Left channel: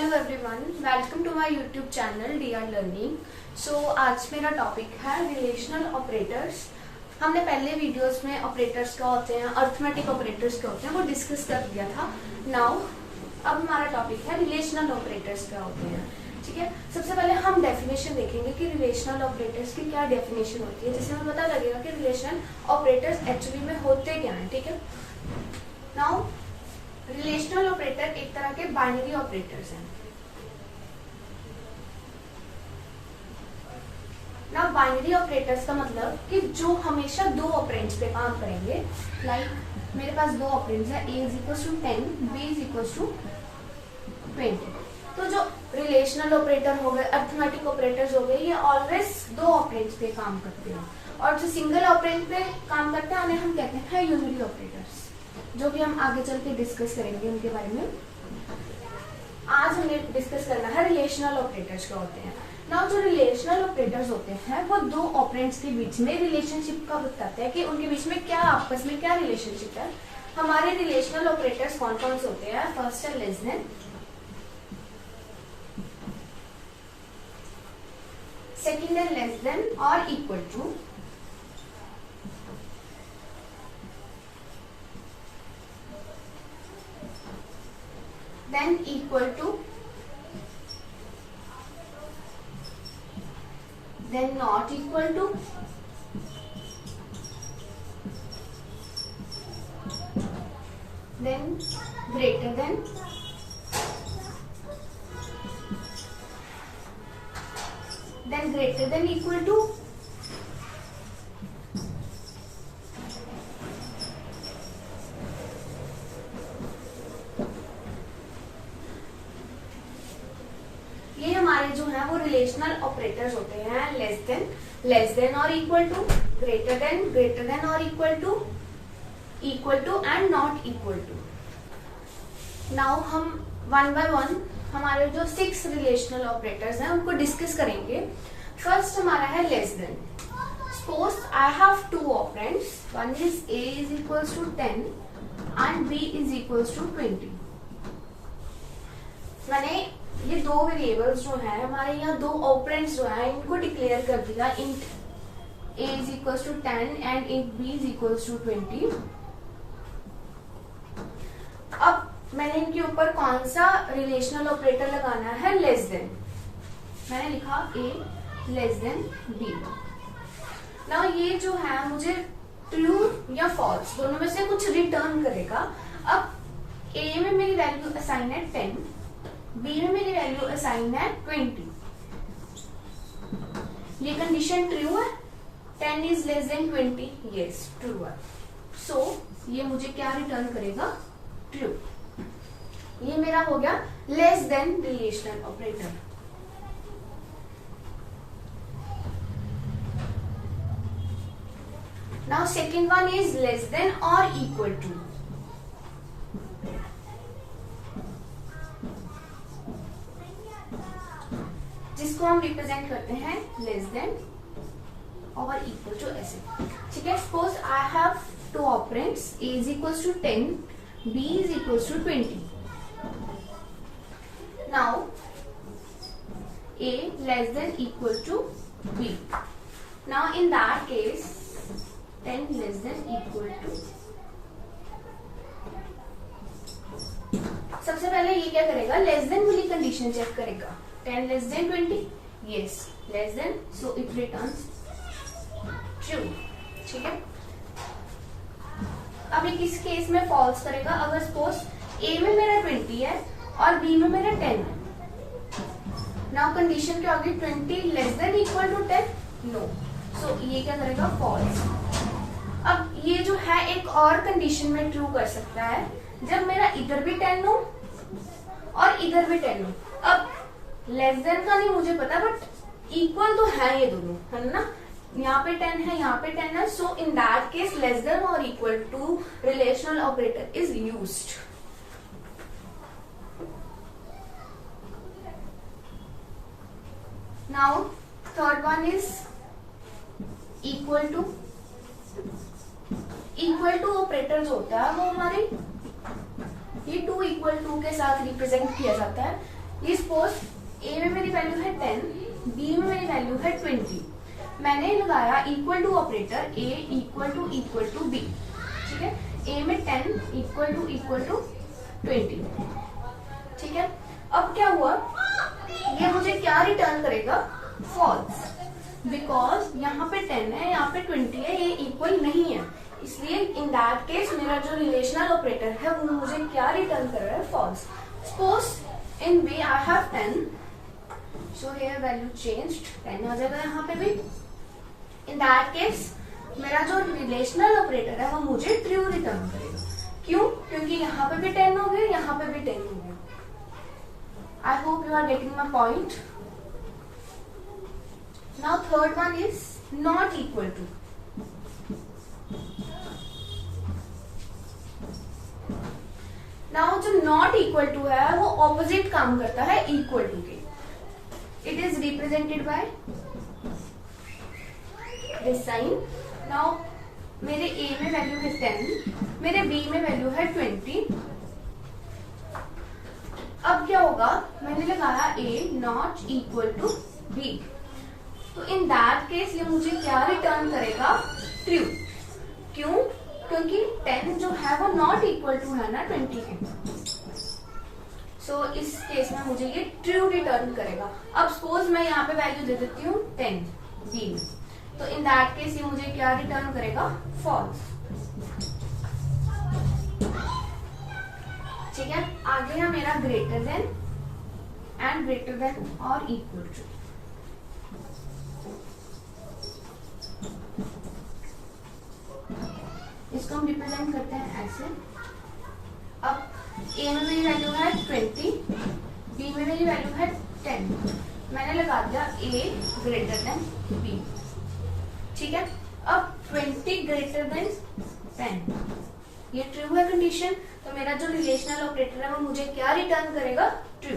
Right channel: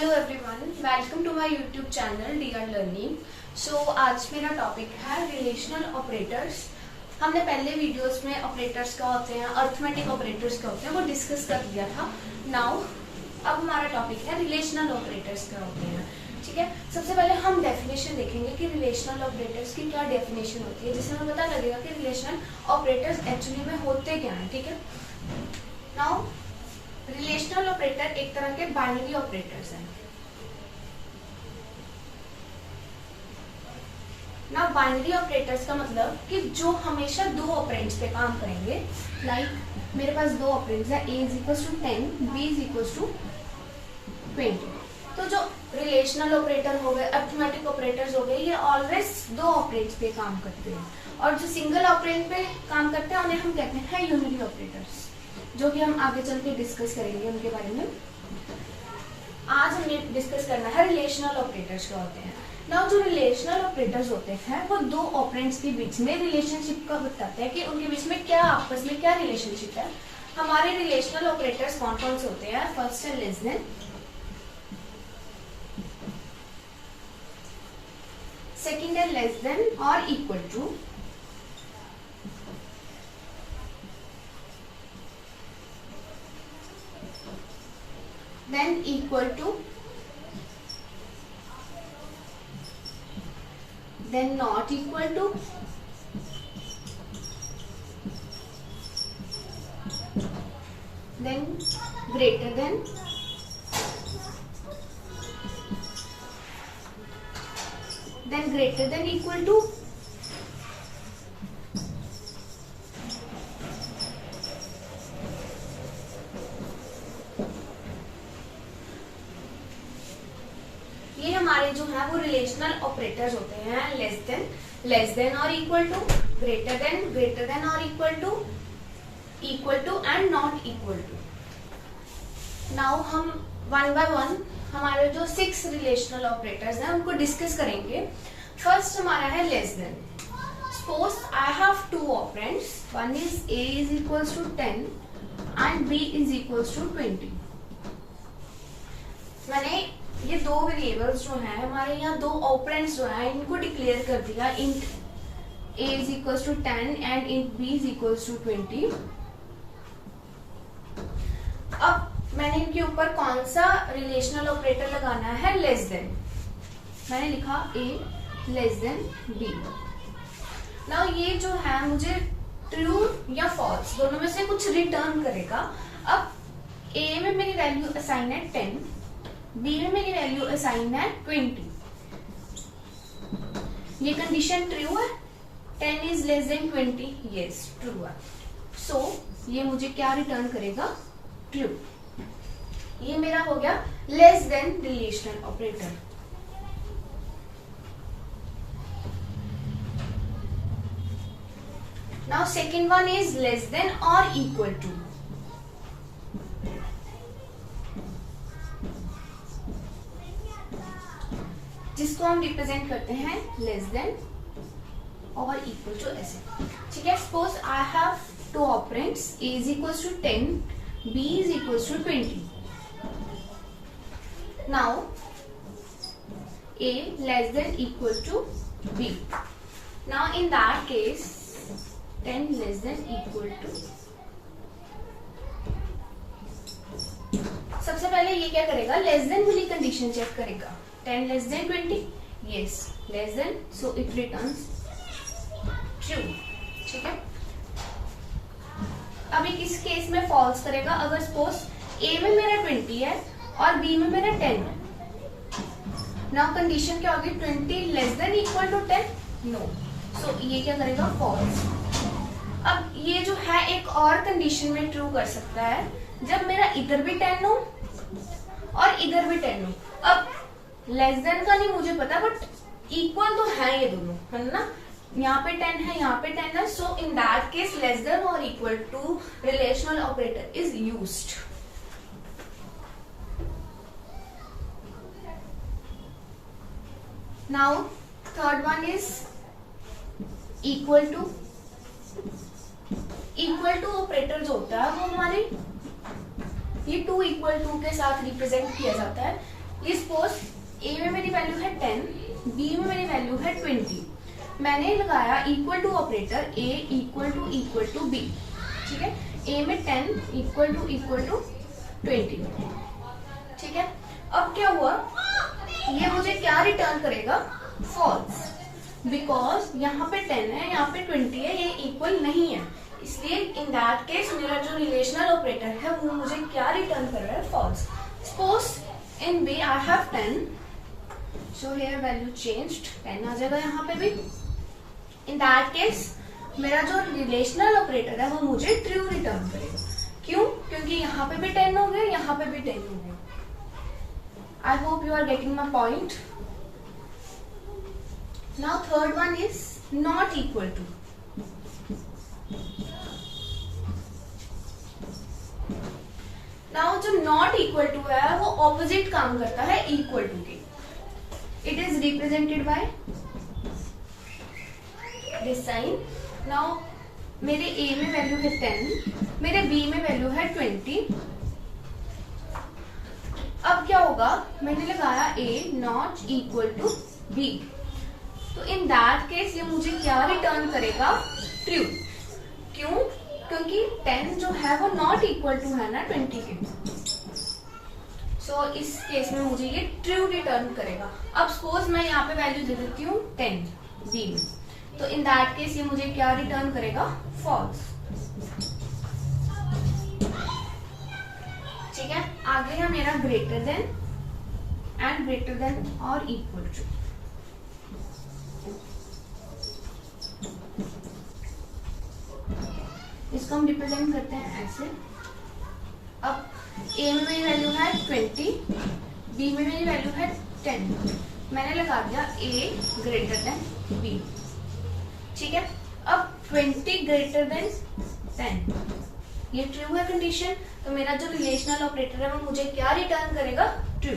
Hello everyone, welcome to my YouTube channel DR learning. So आज मेरा topic है relational operators. हमने पहले वीडियोस में ऑपरेटर्स क्या होते हैं, अर्थमेटिक ऑपरेटर्स क्या होते हैं, वो डिस्कस कर दिया था। नाउ अब हमारा टॉपिक है रिलेशनल ऑपरेटर्स क्या होते हैं। ठीक है, सबसे पहले हम डेफिनेशन देखेंगे कि रिलेशनल ऑपरेटर्स की क्या डेफिनेशन होती है, जिससे हमें पता लगेगा कि रिलेशनल ऑपरेटर्स एक्चुअली में होते क्या हैं। ठीक है, नाउ रिलेशनल ऑपरेटर एक तरह के बाइनरी ऑपरेटर्स हैं। ना बाइनरी ऑपरेटर्स का मतलब कि जो हमेशा दो ऑपरेंड्स पे काम करेंगे। लाइक मेरे पास दो ऑपरेंड्स है, a is equal to 10, b is equal to 20। तो जो रिलेशनल ऑपरेटर हो गए, अर्थमेटिक ऑपरेटर्स हो गए, ये ऑलवेज दो ऑपरेंड्स पे काम करते हैं। और जो सिंगल ऑपरेंड पे काम करते हैं उन्हें हम कहते हैं यूनिटी ऑपरेटर्स, जो कि हम आगे चल के डिस्कस करेंगे उनके बारे में। आज हमें डिस्कस करना है रिलेशनल ऑपरेटर्स क्या होते हैं। नाउ जो रिलेशनल ऑपरेटर्स होते हैं वो दो ऑपरेंड्स के बीच में रिलेशनशिप का बताते हैं कि उनके बीच में क्या आपस में क्या रिलेशनशिप है। हमारे रिलेशनल ऑपरेटर्स कौन कौन से होते हैं? फर्स्ट है लेस देन, सेकेंड है लेस देन और equal to, then equal to, then not equal to, then greater than, then greater than equal to, ये हमारे जो है वो रिलेशनल ऑपरेटर्स होते हैं। लेस देन और इक्वल टू, ग्रेटर देन और equal to and not equal to. Now हम वन बाय वन हमारे जो 6 रिलेशनल ऑपरेटर्स हैं उनको डिस्कस करेंगे। फर्स्ट हमारा है less than. Suppose I have two operands, one is a is equal to 10 and b is equal to 20। मैंने ये दो वेरिएबल्स जो है हमारे यहाँ, दो ऑपरेंड्स जो है, इनको डिक्लेयर कर दिया। Int a is equal to 10 and int b is equal to 20। अब मैंने इनके ऊपर कौन सा रिलेशनल ऑपरेटर लगाना है? Less then. मैंने लिखा a लेस देन b। ना ये जो है मुझे ट्रू या फॉल्स दोनों में से कुछ रिटर्न करेगा। अब a में मेरी वैल्यू असाइन है 10, b में मेरी वैल्यू असाइन है 20। ये कंडीशन ट्रू है, 10 is less then 20, yes true है। सो ये मुझे क्या रिटर्न करेगा? ट्रू। ये मेरा हो गया less than relational operator. Now second one is less than और इक्वल टू। जिसको हम रिप्रेजेंट करते हैं लेस देन और इक्वल टू ऐसे। ठीक है, suppose I have two operands, a is equal to 10, b is equal to 20। Now a less than equal to b। Now in that case 10 less than equal to, सबसे पहले ये क्या करेगा? Less than वाली condition check करेगा। 10 less than 20, yes less than, so it returns true। ठीक है, अभी किस केस में फॉल्स करेगा? अगर सपोज a में मेरा 20 है और b में मेरा 10 है। नाउ कंडीशन क्या होगी? 20 less than equal to 10, no, so ये क्या करेगा? फॉल्स। अब ये जो है एक और कंडीशन में ट्रू कर सकता है, जब मेरा इधर भी 10 हो और इधर भी 10 हो। अब लेस देन का नहीं मुझे पता, बट इक्वल तो है ये दोनों, है ना? यहाँ पे 10 है, यहाँ पे 10 है। So in that case less than और equal to relational operator is used. Now third one is equal to. Equal to operator जो होता है वो हमारे ये 2 इक्वल टू के साथ रिप्रेजेंट किया जाता है। ये सपोज ए में मेरी वैल्यू है 10, बी में मेरी वैल्यू है 20। मैंने लगाया equal to operator a equal to b, ठीक है। ए में 10 इक्वल टू 20, ठीक है। अब क्या हुआ, ये मुझे क्या रिटर्न करेगा, फॉल्स, बिकॉज यहाँ पे 10 है, यहाँ पे 20 है, ये इक्वल नहीं है। इसलिए इन दैट केस मेरा जो रिलेशनल ऑपरेटर है वो मुझे क्या रिटर्न कर रहा है, false. Suppose in b I have 10, so here value changed, 10 आ जाएगा यहाँ पे भी। इन दैट केस मेरा जो रिलेशनल ऑपरेटर है वो मुझे ट्रू रिटर्न करेगा। क्यों? क्योंकि यहाँ पे भी 10 हो गए, यहाँ पे भी 10 हो गए। I hope you are getting my point. Now third one is not equal to. Now जो नॉट इक्वल टू है वो ऑपोजिट काम करता है इक्वल टू के। It is represented by this sign. Now मेरे ए में वैल्यू है 10, मेरे बी में वैल्यू है 20। अब क्या होगा, मैंने लगाया ए नॉट इक्वल टू बी, तो इन दैट केस ये मुझे क्या रिटर्न करेगा, ट्रू। क्यों? क्योंकि 10 जो है वो नॉट इक्वल टू है ना 20 के। सो इस केस में मुझे ये ट्रू रिटर्न करेगा। अब सपोज मैं यहाँ पे वैल्यू दे देती हूँ 10 बी में, तो इन दैट केस ये मुझे क्या रिटर्न करेगा, फॉल्स। ठीक है। आगे है मेरा greater than and greater than और इक्वल टू। इसको हम रिप्रेजेंट करते हैं ऐसे। अब ए में मेरी वैल्यू है 20, बी में मेरी वैल्यू है 10। मैंने लगा दिया ए ग्रेटर देन बी, ठीक है। अब 20 ग्रेटर देन 10, ये ट्रू है कंडीशन, तो मेरा जो रिलेशनल ऑपरेटर है वो मुझे क्या रिटर्न करेगा, ट्रू।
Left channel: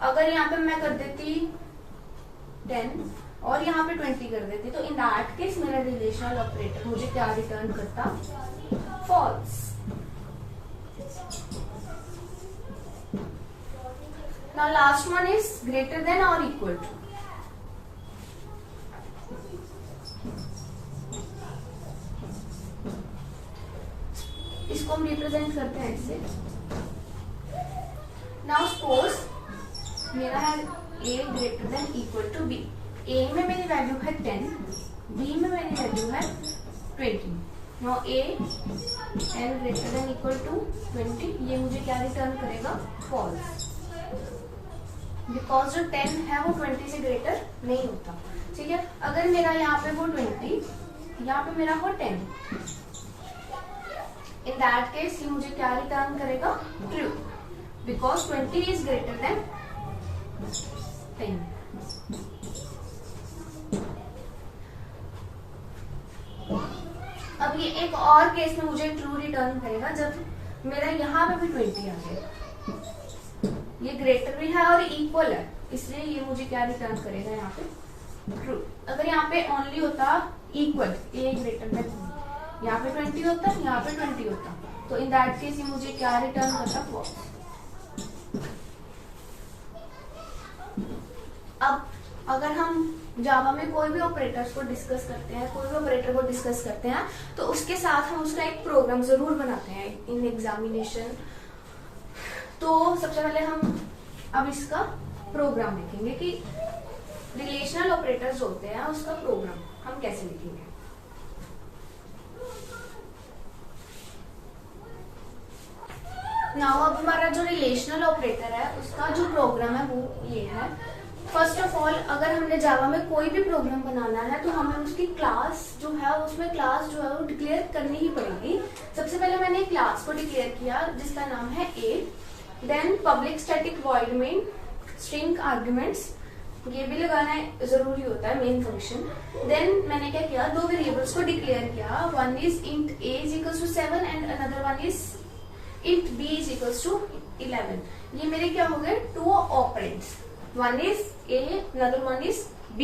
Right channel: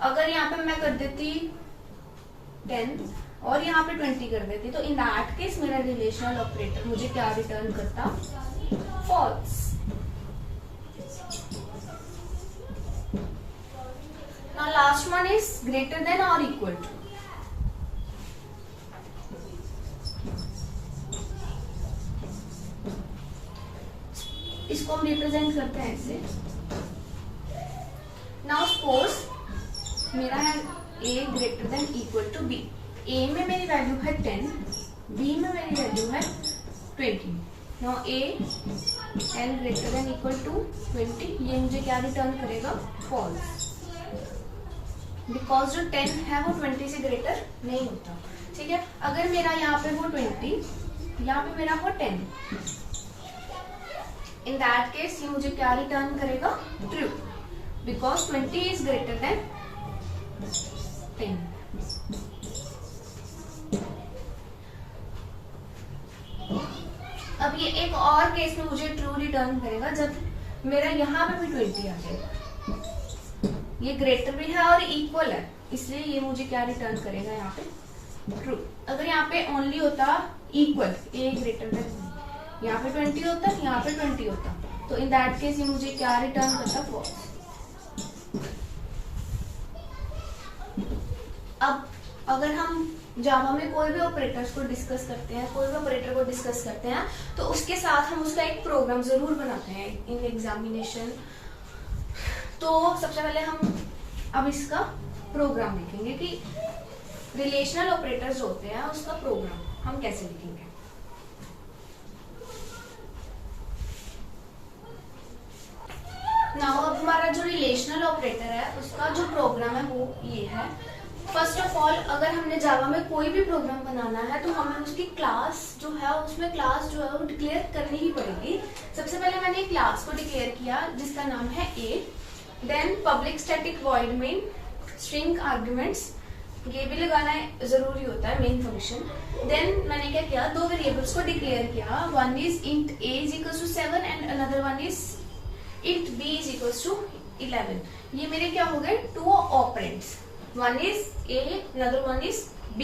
अगर यहाँ पे मैं कर देती 10 और यहाँ पे 20 कर देती, तो इन दैट केस मेरा रिलेशनल ऑपरेटर मुझे क्या रिटर्न करता, false. Now last one is greater than और इक्वल टू। इसको हम रिप्रेजेंट करते हैं ऐसे। नाउ सपोज मेरा है A greater than equal to B. A में मेरी वैल्यू है 10, बी में मेरी वैल्यू है 20। Now a l greater than equal to 20, ये मुझे क्या रिटर्न करेगा, फॉल्स, बिकॉज जो 10 है वो 20 से ग्रेटर नहीं होता, ठीक है। अगर मेरा यहाँ पे वो 20, यहाँ पे मेरा हो 10, इन दैट केस ये मुझे क्या रिटर्न करेगा, true, because 20 is greater then 10। अब ये एक और केस में मुझे ट्रू रिटर्न करेगा जब मेरा यहाँ पे भी 20 आ जाएगा। ये ग्रेटर भी है और इक्वल है, इसलिए ये मुझे क्या रिटर्न करेगा, यहाँ पे ट्रू। अगर यहाँ पे ओनली होता इक्वल, ए ग्रेटर देन, यहाँ पे 20 होता, यहाँ पे 20 होता, तो इन दैट केस ये मुझे क्या रिटर्न करता, फॉल्स। अब अगर हम जावा में कोई भी ऑपरेटर्स को डिस्कस करते हैं, कोई भी ऑपरेटर को डिस्कस करते हैं, तो उसके साथ हम उसका एक प्रोग्राम जरूर बनाते हैं इन एग्जामिनेशन। तो सबसे पहले हम अब इसका प्रोग्राम लिखेंगे कि रिलेशनल ऑपरेटर्स होते हैं, उसका प्रोग्राम हम कैसे लिखेंगे। नाउ अब हमारा जो रिलेशनल ऑपरेटर है उसका जो प्रोग्राम है वो ये है। फर्स्ट ऑफ ऑल अगर हमने जावा में कोई भी प्रोग्राम बनाना है तो हमें उसकी क्लास जो है, उसमें क्लास जो है वो डिक्लेयर करनी ही पड़ेगी। सबसे पहले मैंने एक क्लास को डिक्लेयर किया जिसका नाम है A, then public static void main string arguments, ये भी लगाना जरूरी होता है, मेन फंक्शन। देन मैंने क्या किया, दो वेरिएबल्स को डिक्लेयर किया, one is int a is equal to 7 and another one is int b is equal to 11। ये मेरे क्या हो गए, two operands, one is a, another one is b.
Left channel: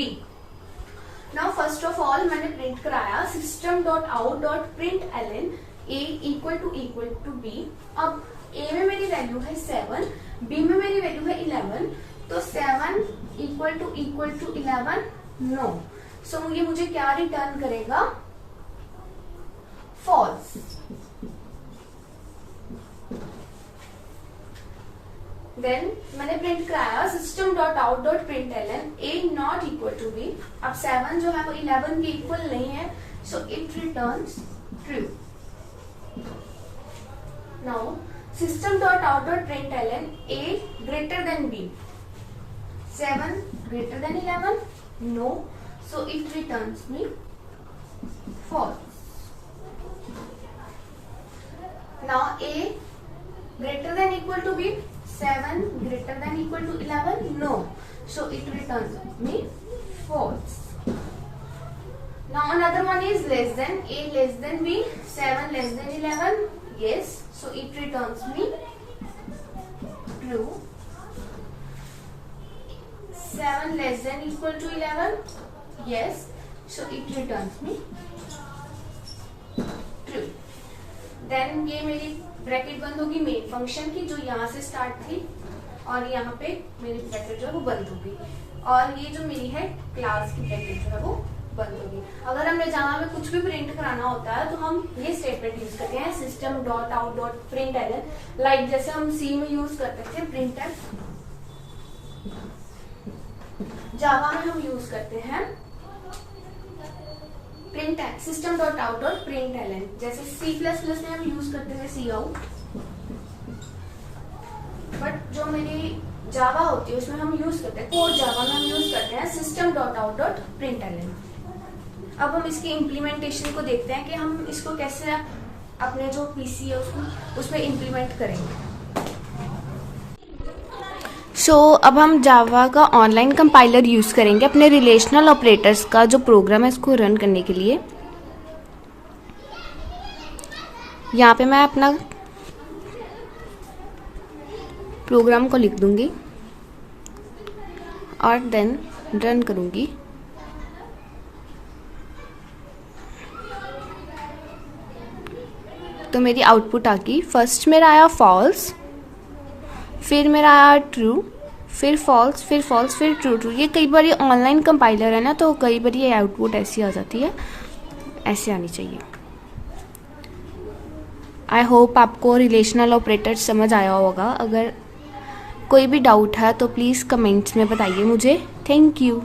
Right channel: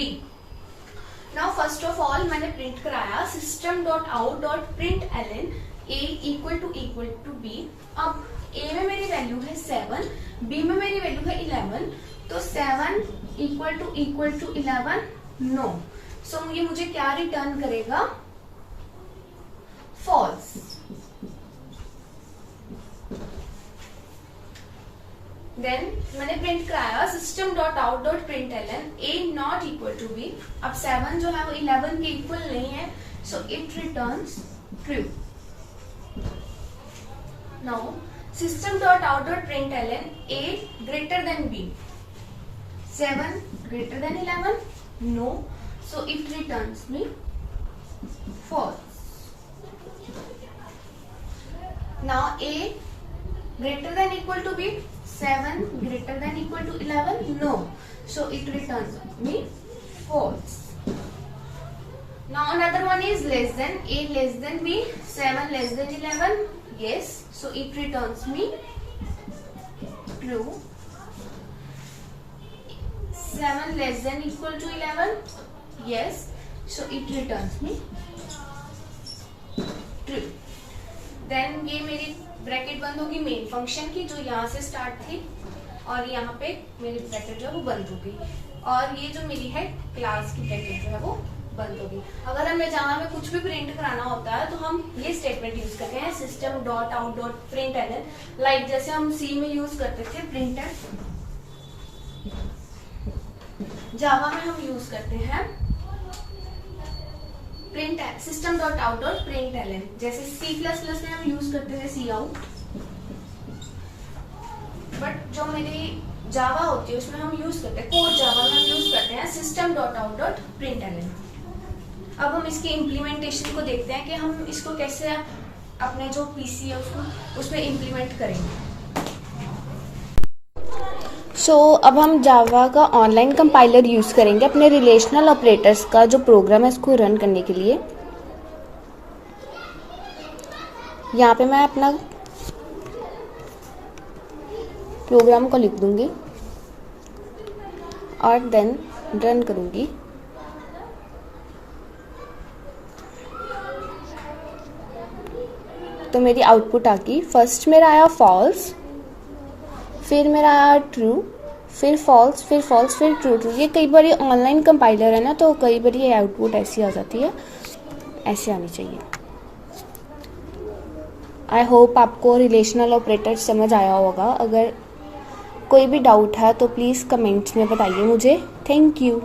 Now first of all मैंने print कराया system.out.println a equal to b। अब a में मेरी वैल्यू है 7, b में मेरी वैल्यू है 11, तो 7 इक्वल टू 11 नो। सो ये मुझे क्या रिटर्न करेगा? फॉल्स। देन मैंने प्रिंट कराया system dot out dot println a not equal to b। अब 7 जो है वो 11 के इक्वल नहीं है, so it returns true. Now system dot out dot println a greater than b। 7 greater than 11 no, so it returns me false. Now a greater than equal to b, 7 greater than equal to 11 no, so it returns me false. Now another one is less than, a less than b, 7 less than 11 yes, so it returns me true. 7 less than equal to 11 yes, so it returns me true. Then ये मेरी bracket बंद होगी main function की, जो यहाँ से start थी, और यहाँ पे मेरी ब्रैकेट जो है वो बंद होगी, और ये जो मेरी है क्लास की ब्रैकेट जो है वो बंद होगी। अगर हमें जावा में कुछ भी प्रिंट कराना होता है तो हम ये स्टेटमेंट यूज करते हैं, system dot out dot println. Like जैसे हम सी में यूज करते थे प्रिंटफ, जावा में हम यूज करते हैं print system dot out dot println. जैसे C++ में हम यूज करते हैं सी आउट, बट जो मेरी जावा होती है उसमें हम यूज करते हैं, कोड जावा में हम यूज करते हैं system dot out dot println. अब हम इसके इम्प्लीमेंटेशन को देखते हैं कि हम इसको कैसे अपने जो पीसी है उसको उसमें इम्प्लीमेंट करेंगे। अब हम जावा का ऑनलाइन कंपाइलर यूज करेंगे अपने रिलेशनल ऑपरेटर्स का जो प्रोग्राम है उसको रन करने के लिए। यहाँ पे मैं अपना प्रोग्राम को लिख दूंगी और देन रन करूंगी। तो मेरी आउटपुट आ गई। फर्स्ट मेरा आया फॉल्स, फिर मेरा आया ट्रू, फिर फॉल्स, फिर फॉल्स, फिर ट्रू ट्रू। ये कई बार ऑनलाइन कंपाइलर है ना, तो कई बार ये आउटपुट ऐसी आ जाती है, ऐसे आनी चाहिए। आई होप आपको रिलेशनल ऑपरेटर समझ आया होगा। अगर कोई भी डाउट है तो प्लीज़ कमेंट्स में बताइए मुझे। Thank you.